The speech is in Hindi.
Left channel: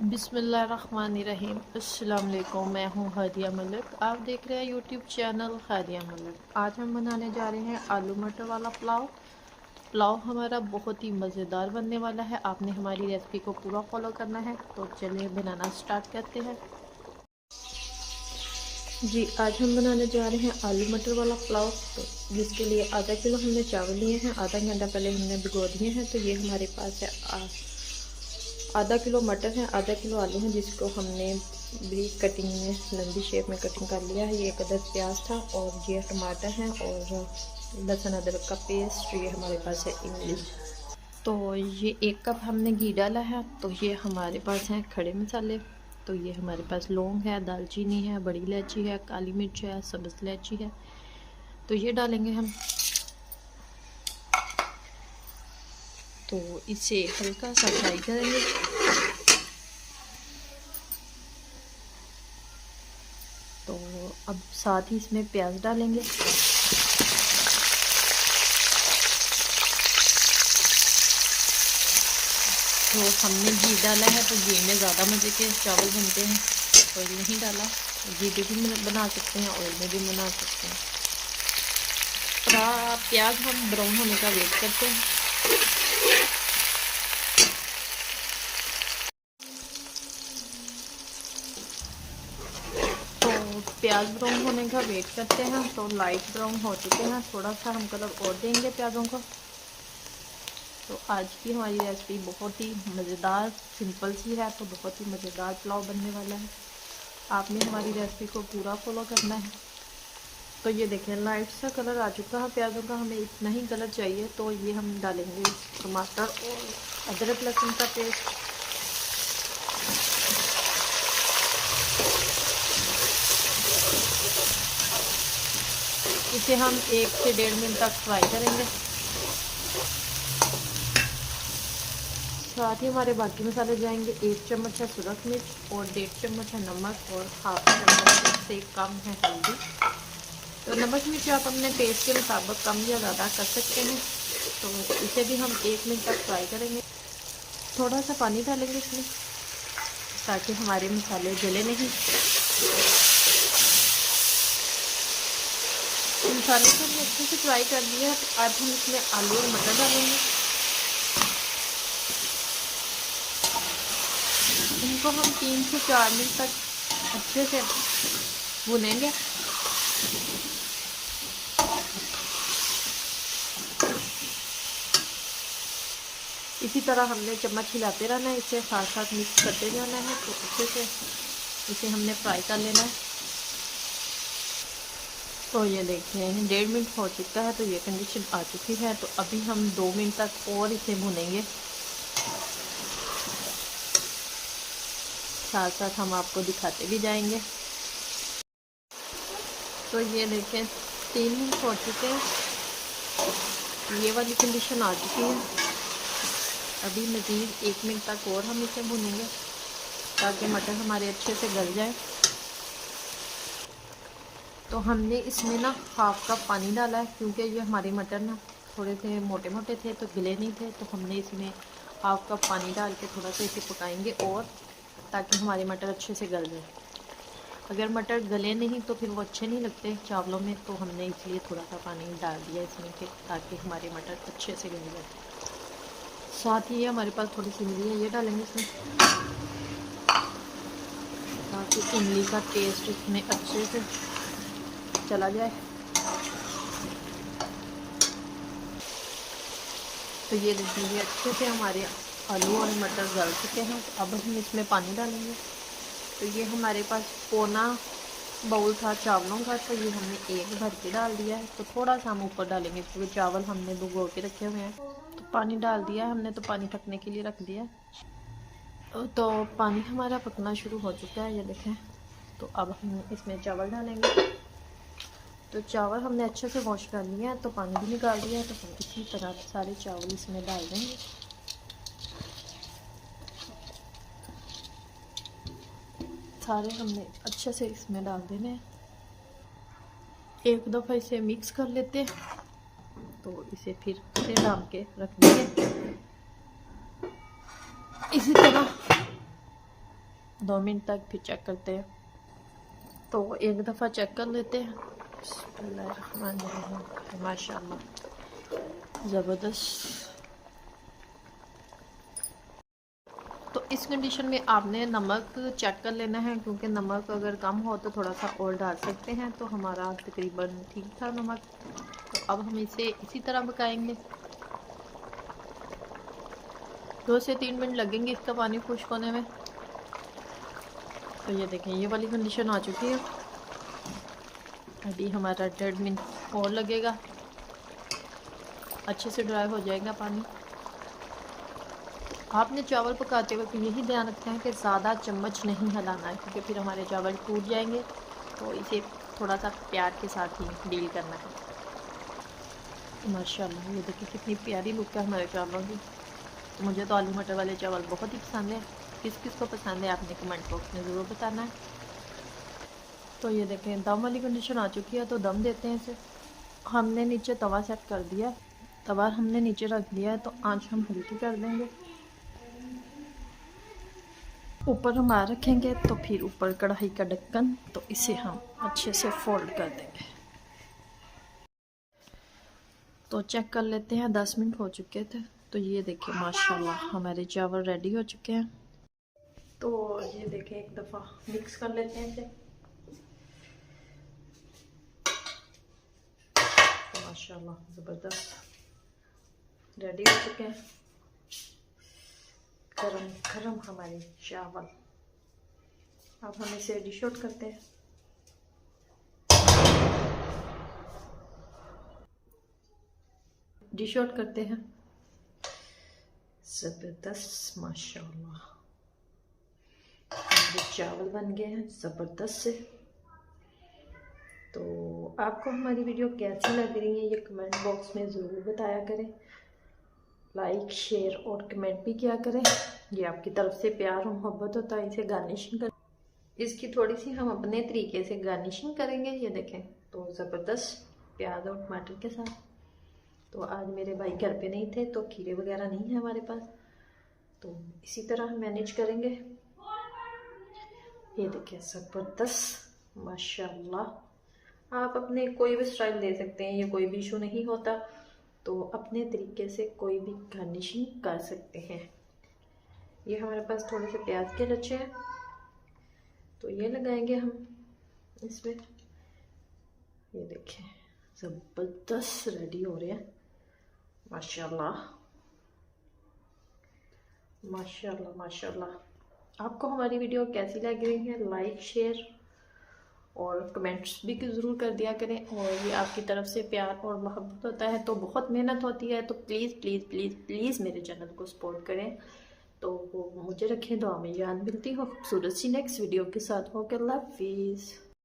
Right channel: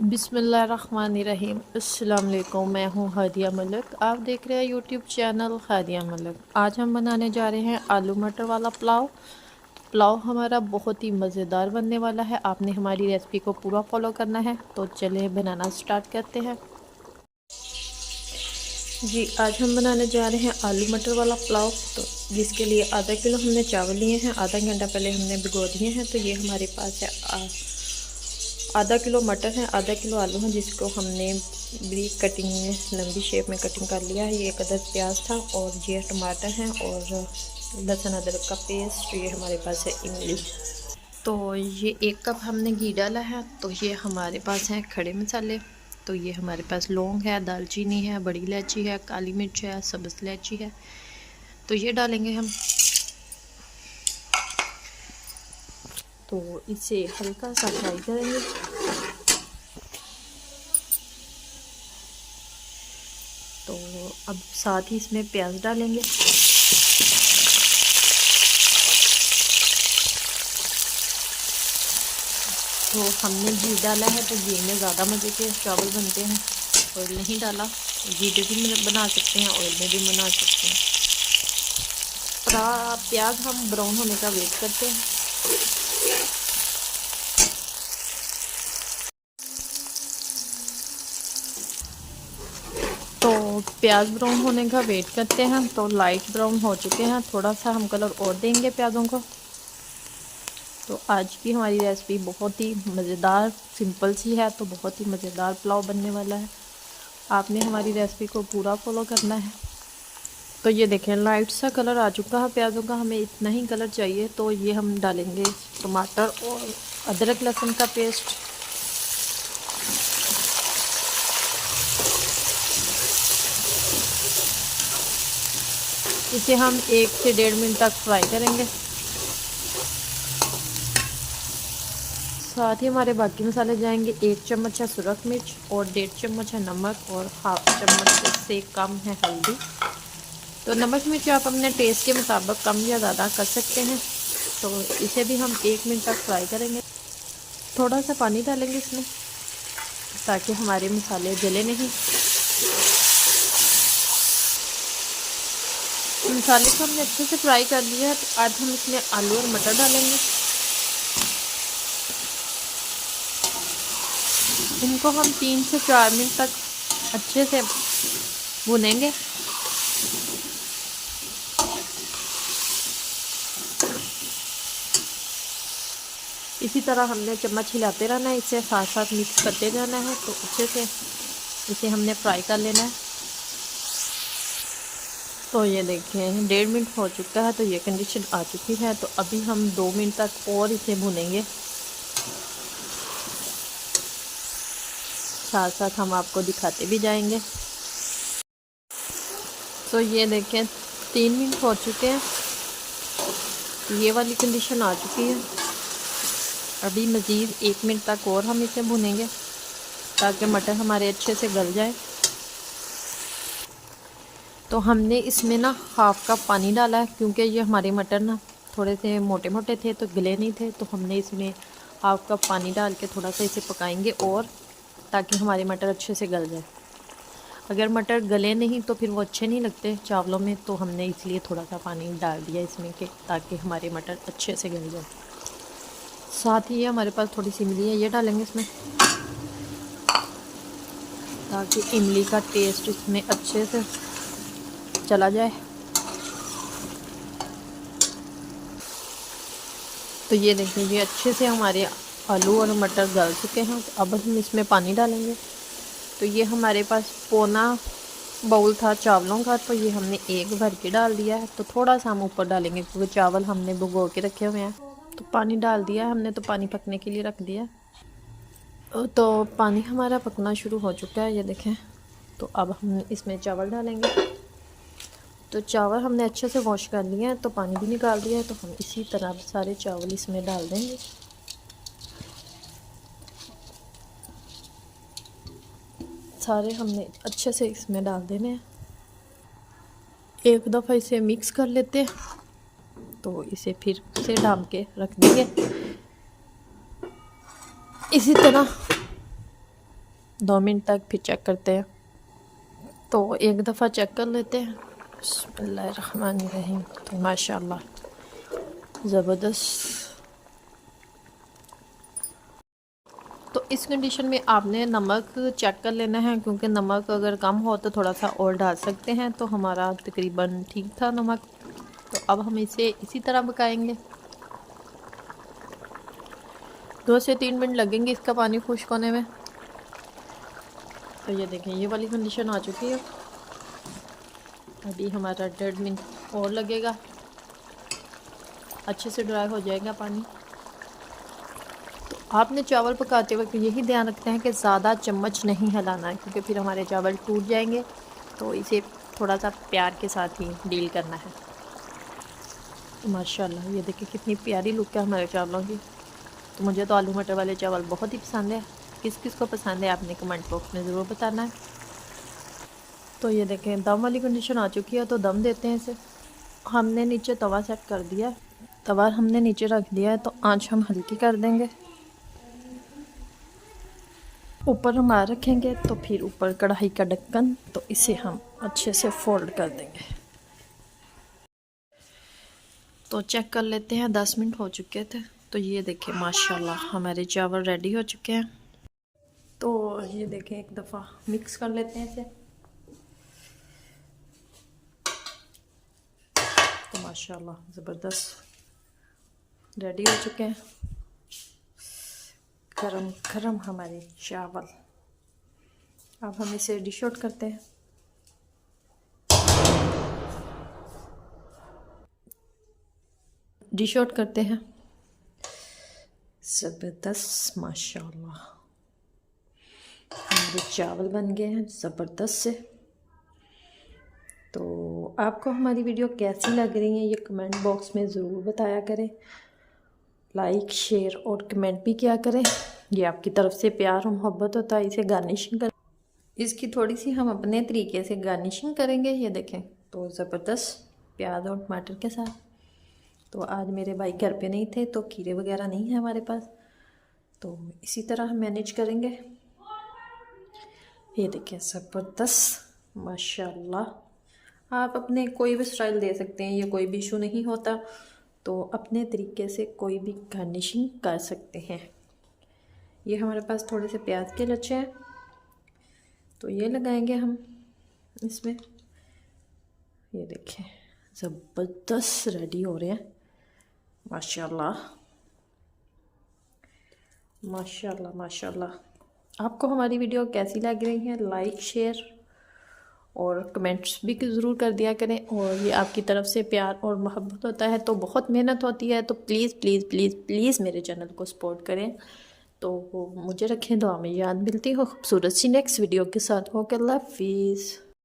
बिस्मिल्लाहिर्रहमानिर्रहीम। अस्सलाम वालेकुम। मैं हूँ हादिया मलिक, आप देख रहे हैं यूट्यूब चैनल हादिया मलिक। आज हम बनाने जा रहे हैं आलू मटर वाला पुलाव। पुलाव हमारा बहुत ही मज़ेदार बनने वाला है। आपने हमारी रेसिपी को पूरा फॉलो करना है, तो चलिए बनाना स्टार्ट करते हैं। जी, आज हम बनाने जा रहे हैं आलू मटर वाला पुलाव। तो जिसके लिए आधा किलो हमने चावल लिए हैं, आधा घंटा पहले हमने भिगो दिए हैं। तो ये हमारे पास है आधा किलो मटर है, आधा किलो आलू हैं, जिसको हमने ब्रीक कटिंग में लंबी शेप में कटिंग कर लिया है। ये एक अदद प्याज था और ये टमाटर हैं और लहसुन अदरक का पेस्ट। ये हमारे पास है इमली। तो ये 1 कप हमने घी डाला है। तो ये हमारे पास हैं खड़े मसाले। तो ये हमारे पास लौंग है, दालचीनी है, बड़ी इलायची है, काली मिर्च है, सब्ज़ इलायची है। तो ये डालेंगे हम। तो इसे हल्का सा फ्राई करेंगे। तो अब साथ ही इसमें प्याज डालेंगे। तो हमने घी डाला है, तो घी में ज़्यादा मज़े के चावल बनते हैं। ऑयल नहीं डाला, घी में भी बना सकते हैं, ऑयल में भी बना सकते हैं। प्याज हम ब्राउन होने का वेट करते हैं। तो प्याज ब्राउन होने का वेट करते हैं। तो लाइट ब्राउन हो चुके हैं, थोड़ा सा हम कलर और देंगे प्याज़ों को। तो आज की हमारी रेसिपी बहुत ही मज़ेदार सिंपल सी है, तो बहुत ही मज़ेदार पुलाव बनने वाला है। आपने हमारी रेसिपी को पूरा फॉलो करना है। तो ये देखें, लाइट सा कलर आ चुका है प्याज़ों का, हमें इतना ही कलर चाहिए। तो ये हम डालेंगे टमाटर और अदरक लहसुन का पेस्ट। इसे हम 1 से 1.5 मिनट तक फ्राई करेंगे। साथ ही हमारे बाकी मसाले जाएंगे। 1 चम्मच है सुरख मिर्च और 1.5 चम्मच है नमक और 1/2 चम्मच से कम है हल्दी। तो नमक मिर्च आप अपने टेस्ट के मुताबिक कम या ज़्यादा कर सकते हैं। तो इसे भी हम 1 मिनट तक फ्राई करेंगे। थोड़ा सा पानी डालेंगे इसमें, ताकि हमारे मसाले जले नहीं। मसाले को हमने अच्छे से फ्राई कर लिया है। तो आज हम इसमें आलू और मटर डालेंगे। इनको हम 3 से 4 मिनट तक अच्छे से भुनेंगे। इसी तरह हमने चम्मच हिलाते रहना है, इसे साथ साथ मिक्स करते जाना है। तो अच्छे से इसे हमने फ्राई कर लेना है। तो ये देखिए 1.5 मिनट हो चुका है, तो ये कंडीशन आ चुकी है। तो अभी हम 2 मिनट तक और इसे भुनेंगे। साथ साथ हम आपको दिखाते भी जाएंगे। तो ये देखें 3 मिनट हो चुके हैं, ये वाली कंडीशन आ चुकी है। अभी मज़ीद 1 मिनट तक और हम इसे भुनेंगे, ताकि मटर हमारे अच्छे से गल जाए। तो हमने इसमें ना 1/2 कप पानी डाला है, क्योंकि ये हमारे मटर ना थोड़े से मोटे मोटे थे, तो गले नहीं थे। तो हमने इसमें 1/2 कप पानी डाल के थोड़ा सा इसे पकाएंगे, और ताकि हमारे मटर अच्छे से गल जाए। अगर मटर गले नहीं तो फिर वो अच्छे नहीं लगते चावलों में। तो हमने इसलिए थोड़ा सा पानी डाल दिया इसमें, कि ताकि हमारे मटर अच्छे से गल जाए। साथ ही हमारे पास थोड़ी सी इमली है, ये डालेंगे इसमें, ताकि इमली का टेस्ट इसमें अच्छे से चला जाए। तो ये देखिए, ये अच्छे से हमारे आलू और मटर गल चुके हैं। तो अब हम इसमें पानी डालेंगे। तो ये हमारे पास पौना बाउल था चावलों का, तो ये हमने 1 भर के डाल दिया है। तो थोड़ा सा हम ऊपर डालेंगे, क्योंकि चावल हमने भिगो के रखे हुए हैं। तो पानी डाल दिया हमने, तो पानी पकने के लिए रख दिया। तो पानी हमारा पकना शुरू हो चुका है, ये देखें। तो अब हम इसमें चावल डालेंगे। तो चावल हमने अच्छे से वॉश कर लिया है, तो पानी भी निकाल दिया है। तो हम इसी तरह सारे चावल इसमें डाल देंगे। सारे हमने अच्छे से इसमें डाल देने हैं। एक दफ़ा इसे मिक्स कर लेते हैं। तो इसे फिर से ढक के रख देंगे इसी तरह। 2 मिनट तक फिर चेक करते हैं। तो एक दफ़ा चेक कर लेते हैं। बिस्मिल्लाहिर्रहमानिर्रहीम। तो माशाल्लाह ज़बरदस्त। तो इस कंडीशन में आपने नमक चेक कर लेना है, क्योंकि नमक अगर कम हो तो थोड़ा सा और डाल सकते हैं। तो हमारा तकरीबन ठीक था नमक। तो अब हम इसे इसी तरह पकाएंगे। 2 से 3 मिनट लगेंगे इसका पानी खुश्क होने में। तो ये देखें, ये वाली कंडीशन आ चुकी है। अभी हमारा 1.5 मिनट और लगेगा, अच्छे से ड्राई हो जाएगा पानी। आपने चावल पकाते वक्त यही ध्यान रखते हैं कि ज़्यादा चम्मच नहीं हिलाना है, क्योंकि फिर हमारे चावल टूट जाएंगे। तो इसे थोड़ा सा प्यार के साथ ही डील करना है। तो माशाल्लाह ये देखिए कितनी प्यारी लुक है हमारे चावलों की। तो मुझे तो आलू मटर वाले चावल बहुत ही पसंद है। किस किस को पसंद है आपने कमेंट बॉक्स में ज़रूर बताना है। तो ये देखें दम वाली कंडीशन आ चुकी है, तो दम देते हैं इसे। हमने नीचे तवा सेट कर दिया, तवा हमने नीचे रख दिया है। तो आंच हम हल्की कर देंगे। ऊपर हम आ रखेंगे तो फिर ऊपर कढ़ाई का ढक्कन, तो इसे हम अच्छे से फोल्ड कर देंगे। तो चेक कर लेते हैं, 10 मिनट हो चुके थे। तो ये देखिए माशाल्लाह हमारे चावल रेडी हो चुके हैं। तो ये देखें एक दफ़ा मिक्स कर लेते हैं इसे। तो माशाल्लाह ज़बरदस्त रेडी हो चुके हैं गरम गरम हमारे चावल। अब हम इसे डिश आउट करते हैं। डिश आउट करते हैं। ज़बरदस्त माशाल्लाह हमारे चावल बन गए हैं ज़बरदस्त से। तो आपको हमारी वीडियो कैसी लग रही है ये कमेंट बॉक्स में ज़रूर बताया करें। लाइक शेयर और कमेंट भी किया करें। ये आपकी तरफ से प्यार और मोहब्बत होता है। इसे गार्निशिंग कर, इसकी थोड़ी सी हम अपने तरीके से गार्निशिंग करेंगे। ये देखें तो ज़बरदस्त प्याज और टमाटर के साथ। तो आज मेरे भाई घर पे नहीं थे, तो खीरे वगैरह नहीं है हमारे पास, तो इसी तरह हम मैनेज करेंगे। ये देखें ज़बरदस्त माशाल्लाह। आप अपने कोई भी स्टाइल दे सकते हैं, ये कोई भी इशू नहीं होता। तो अपने तरीके से कोई भी गार्निशिंग कर सकते हैं। ये हमारे पास थोड़े से प्याज के लच्छे हैं, तो ये लगाएंगे हम इसमें। ये देखें ज़बरदस्त रेडी हो रहे हैं माशाल्लाह माशाल्लाह माशाल्लाह। आपको हमारी वीडियो कैसी लग रही है लाइक शेयर और कमेंट्स भी ज़रूर कर दिया करें। और ये आपकी तरफ से प्यार और मोहब्बत होता है, तो बहुत मेहनत होती है। तो प्लीज़ प्लीज़ प्लीज़ प्लीज़ मेरे चैनल को सपोर्ट करें। तो मुझे रखें दुआ में याद। मिलती हो खूबसूरत सी नेक्स्ट वीडियो के साथ। ओके अल्लाह हाफिज़।